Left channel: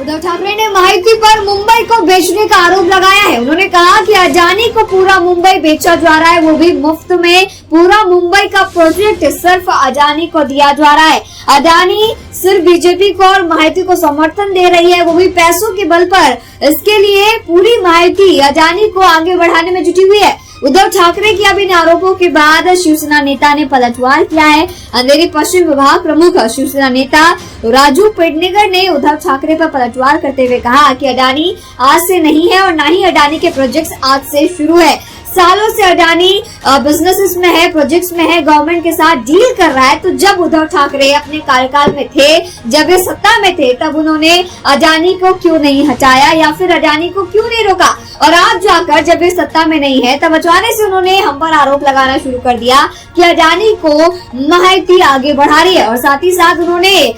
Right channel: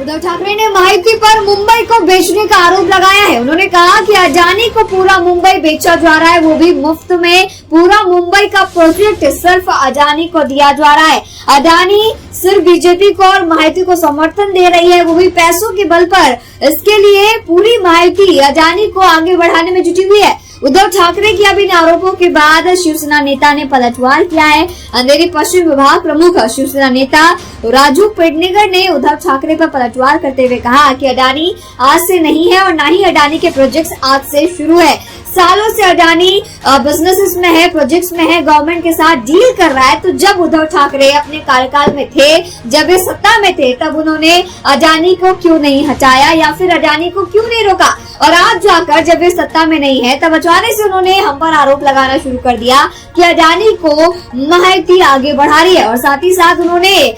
उद्धव ठाकरे ने महायुति पर मुंबई को बेचने का आरोप लगाया है। उन्होंने कहा कि अडानी को पूरा मुंबई बेचा जा रहा है, वो भी मुफ्त में। पूरा मुंबई का प्रोजेक्ट सिर्फ अडानी को दिया जा रहा है। अडानी सिर्फ बीजेपी को और महायुति को समर्थन दे रही है, वो भी पैसों के बल पर। इसके लिए पूरी महायुति अडानी को आगे बढ़ाने में जुटी हुई है। उद्धव ठाकरे के अब इन आरोपों के बाद शिवसेना नेता ने पलटवार किया है। अंधेरी पश्चिम विभाग प्रमुख शिवसेना नेता राजू पेडनेकर ने उद्धव ठाकरे पर पलटवार करते हुए कहा कि अडानी आज से नहीं है और न ही अडानी के प्रोजेक्ट्स आज से शुरू है। सालों से अडानी बिजनेसेस में है, प्रोजेक्ट्स में है, गवर्नमेंट के साथ डील कर रहा है। तो जब उद्धव ठाकरे अपने कार्यकाल में थे, जब ये सत्ता में थे, तब उन्होंने अडानी को क्यों नहीं हटाया या फिर अडानी को क्यों नहीं रोका? और आज जाकर जब ये सत्ता में नहीं है, तब अचानक से उन्होंने हम पर आरोप लगाना शुरू कर दिया कि अडानी को महायुति आगे बढ़ा रही है। और साथ ही साथ उन्होंने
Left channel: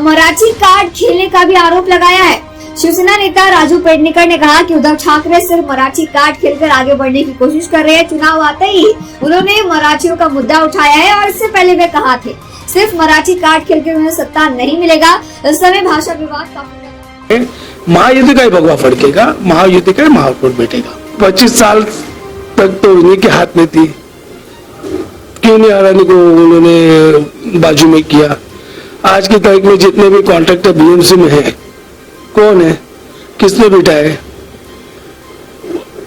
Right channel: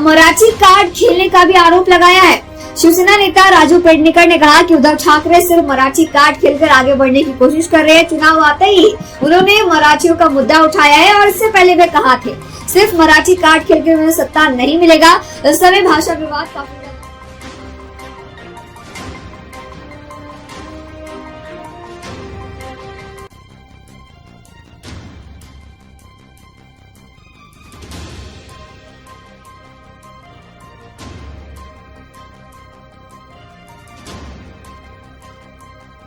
मराठी कार्ड खेलने का भी आरोप लगाया है। शिवसेना नेता राजू पेडनेकर ने कहा कि उद्धव ठाकरे सिर्फ मराठी कार्ड खेलकर आगे बढ़ने की कोशिश कर रहे हैं। चुनाव आते ही उन्होंने मराठियों का मुद्दा उठाया है और इससे पहले वे कहा थे सिर्फ मराठी कार्ड खेलकर उन्हें सत्ता नहीं मिलेगा। इस समय भाषा विवाद काफी महायुति का ही भगवा फड़केगा, महायुति का महापौर बैठेगा। 25 साल तक तो इन्हीं के हाथ में थी, क्यों नहीं अडानी को उन्होंने बाजू में किया? आज की तारीख में जितने भी कॉन्ट्रैक्टर बीएमसी में है, कौन है, किसने बिठाए?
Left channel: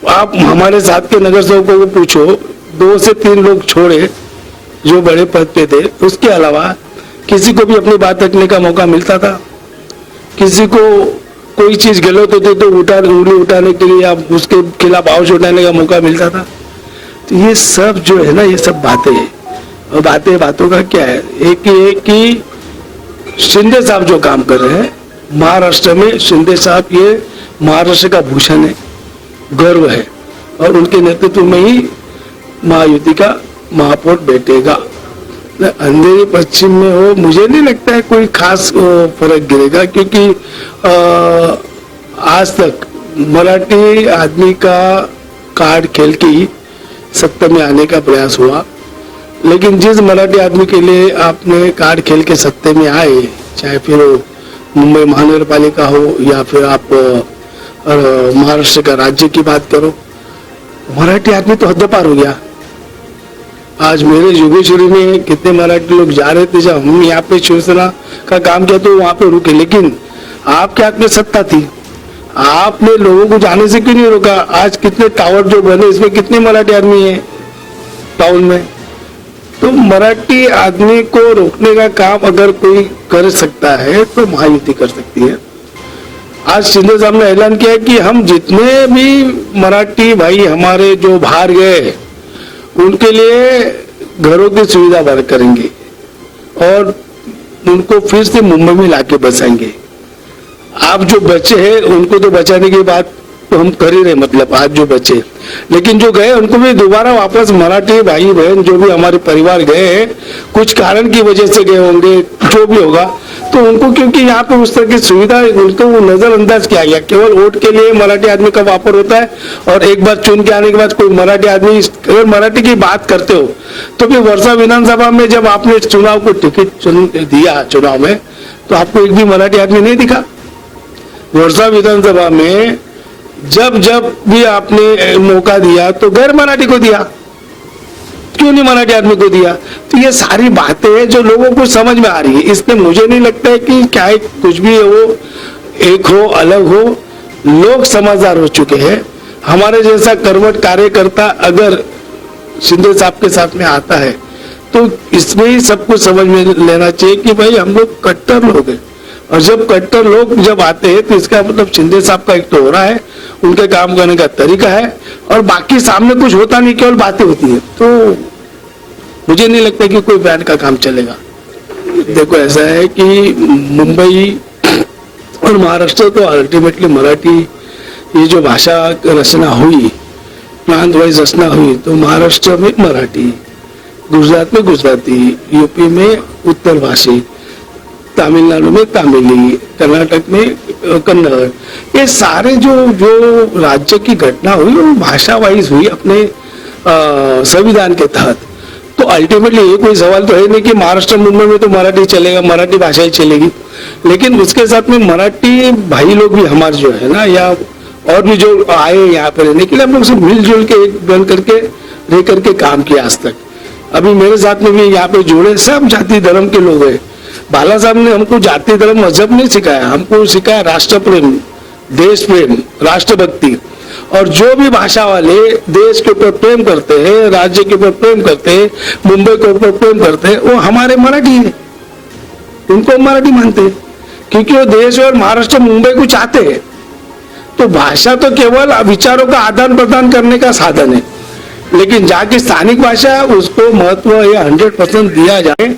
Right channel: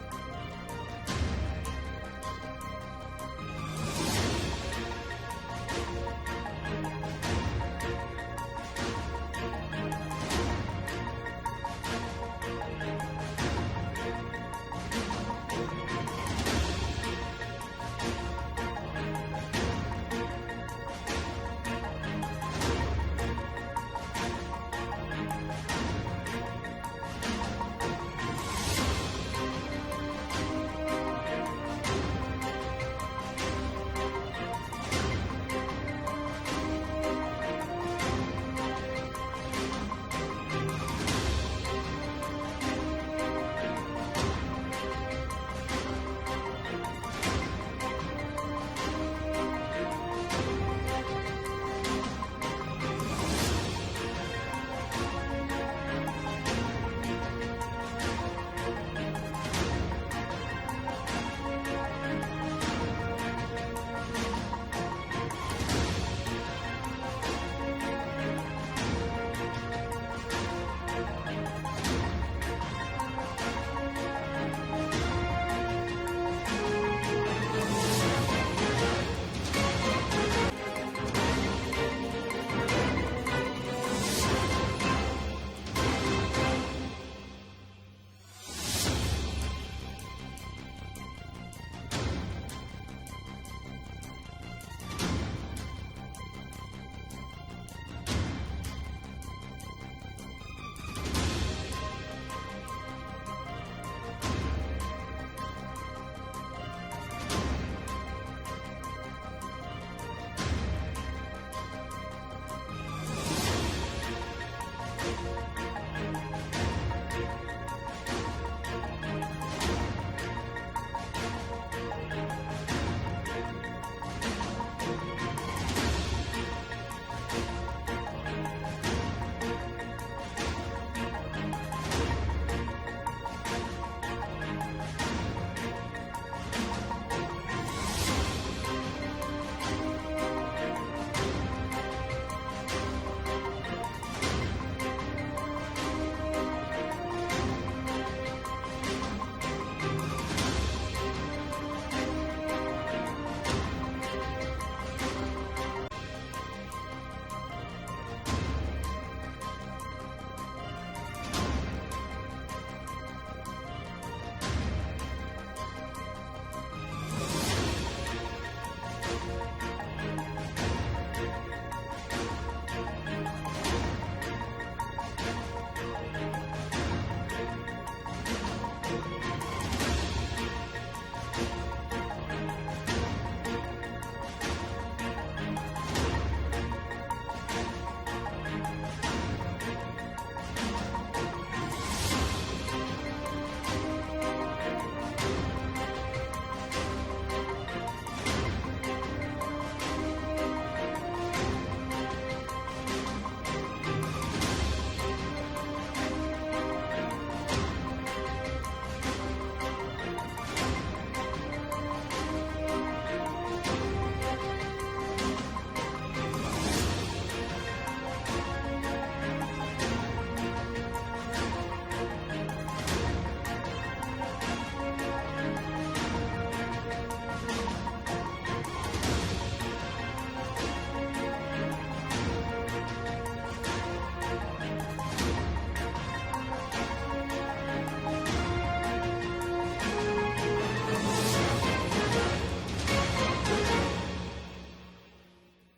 आप हमारे साथ के नगर सेवकों को पूछो, 2 से 3 लोग छोड़े जो बड़े पद पे थे, उसके अलावा किसी को भी अपनी बात रखने का मौका मिलता था? किसी को कोई चीज गलत होती तो उंगली उठाने के लिए आप उसके खिलाफ आवाज उठाने का मौका मिलता था? तो ये सब जो है ना, ये सब बातें हैं। और बातों का क्या है? एक ये कि शिंदे साहब जो काम कर रहे हैं महाराष्ट्र में, शिंदे साहब ये महाराष्ट्र का भूषण है, गर्व है, और उनके नेतृत्व में ही महायुति का महापौर बैठेगा। अंधेरी पश्चिम में हो, मुझे नहीं लगता है कोई खास फर्क गिरेगा, क्योंकि आज तक मराठी आदमी का कार्ड खेल के ही सत्ता में आने का प्रयास हुआ। लेकिन जिस मराठी आदमी के लिए आपने कार्ड खेल के सत्ते में आए, चाहे फिर मुंबई महानगर पालिका हो या फिर आप महाराष्ट्र का राज्य की बात करो, मराठी आदमी तो हद्दपार हो गया। आज मेरे योगेश्वरी में कितने मराठी लोग जा रहे थे, जब हम यहाँ पे शिवसेना का काम किया तो वहां पे रुके, लेकिन आपके हाथ में सत्ता थी, आपने लोगों को जाने से क्यों नहीं रोका? आज कितने टावर जो बने, इसमें कितने मराठी आदमी है टाउन में? तो मराठी आदमी को रोकने का काम अगर कोई कर सकता है तो महायुति कर सकती है। आज शिंदे साहब ने ऐलान किया कि हम जितने भी मराठी भाई हमारे जो बाहर गए उनके लिए घरों की सुविधा बहाल करेंगे और उनको फिर से मुंबई में लाके बसाएंगे। आप जो बचे हैं उनको तो बचाने की बात तो हम कर ही रहे, मतलब आज जो बचे, लेकिन जो गए उनको भी दोबारा वापस मराठी भाई बहन जो भी हमारे परिवार गए हैं, कुछ कारण की वजह से गए होंगे, जो भी होगा, तो उनको क्योंकि यहाँ पे उस तरह की सुविधा उनको वो नजरअंदाज किया गया। केवल वोट के लिए मराठी आदमी का वापर होता है और एक बार चुन के आने के बाद कोई मराठी आदमी, अगर मराठी की बात करते हो तो फिर वर्षा विधानसभा में जब आपने चुनाव को टिकट दिया चुनाव में, तो आपको एक भी मराठी आदमी नहीं दिखा। वर्षा विधानसभा में जब भी आपने मौका दिया तो गैर मराठी को दिया, क्यों नहीं मराठी आदमी को दिया? तो ये सारी बातें हैं जो लोगों को समझ में आ रही है। इसमें मुझे नहीं लगता है कि क्या कुछ भी हो, एक हो अलग हो, लोग समझदार हो चुके हैं। हमारे जैसा कर्मठ कार्यकर्ता अगर शिंदे साहब के साथ में आता है तो इसमें ही सब कुछ समझ में लेना चाहिए कि भाई हम लोग कट्टर लोग हैं, और जब कट्टर लोग जब आते हैं तो इसका मतलब शिंदे साहब का एक तो हो रहा है, उनके काम करने का तरीका है, और बाकी सामने कुछ होता नहीं, केवल बातें होती है। तो मुझे नहीं लगता कि कोई ब्रांड का काम चलेगा। देखो ऐसा है कि मुंबई और महाराष्ट्र तो अल्टीमेटली मराठी, ये जो भाषा रचना हुई, प्रांत वाइज रचना हुई, तो महाराष्ट्र में मराठी, गुजरात में गुजराती, यूपी में उत्तर भाषी, तमिलनाडु में तमिली, कर्नाटक में कन्नड़, ये सारे जो राज्य की घटना हुई वो भाषा वाइज हुई अपने संविधान के तहत। तो अल्टीमेटली ये कोई सवाल तो है नहीं कि महाराष्ट्र मुंबई में तो मराठी चलेगा, मराठी भाषा ही चलेगी, लेकिन उसके साथ में मराठी भाई लोग भी हमारे जो है ना, या और भी जो आए यहाँ पे रहने के लिए, हम लोग सब मिलजुल के एक बन करके रह करके काम किया आज तक। अभी मेरे साथ में भी यहाँ पे जुड़े सब जाति धर्म के लोग हैं। बाला साहब ने हमको जाति धर्म मजहब नहीं सिखाया, हमको सिखाया राष्ट्र प्रेम, देश प्रेम, राष्ट्रभक्ति। और जो भी भाषा वाले देश के ऊपर प्रेम करते हैं, राज्य के ऊपर प्रेम करते हैं, मुंबई के ऊपर प्रेम करते हैं, वो हमारे मराठी है, उनको हम मराठी मानते हैं, क्योंकि वो देश और महाराष्ट्र मुंबई को चाहते हैं। तो भाषा तो केवल विचारों का आदान प्रदान करने का साधन है, लेकिन जाके स्थानिक भाषा उसको महत्व ये 100% दिया जाए।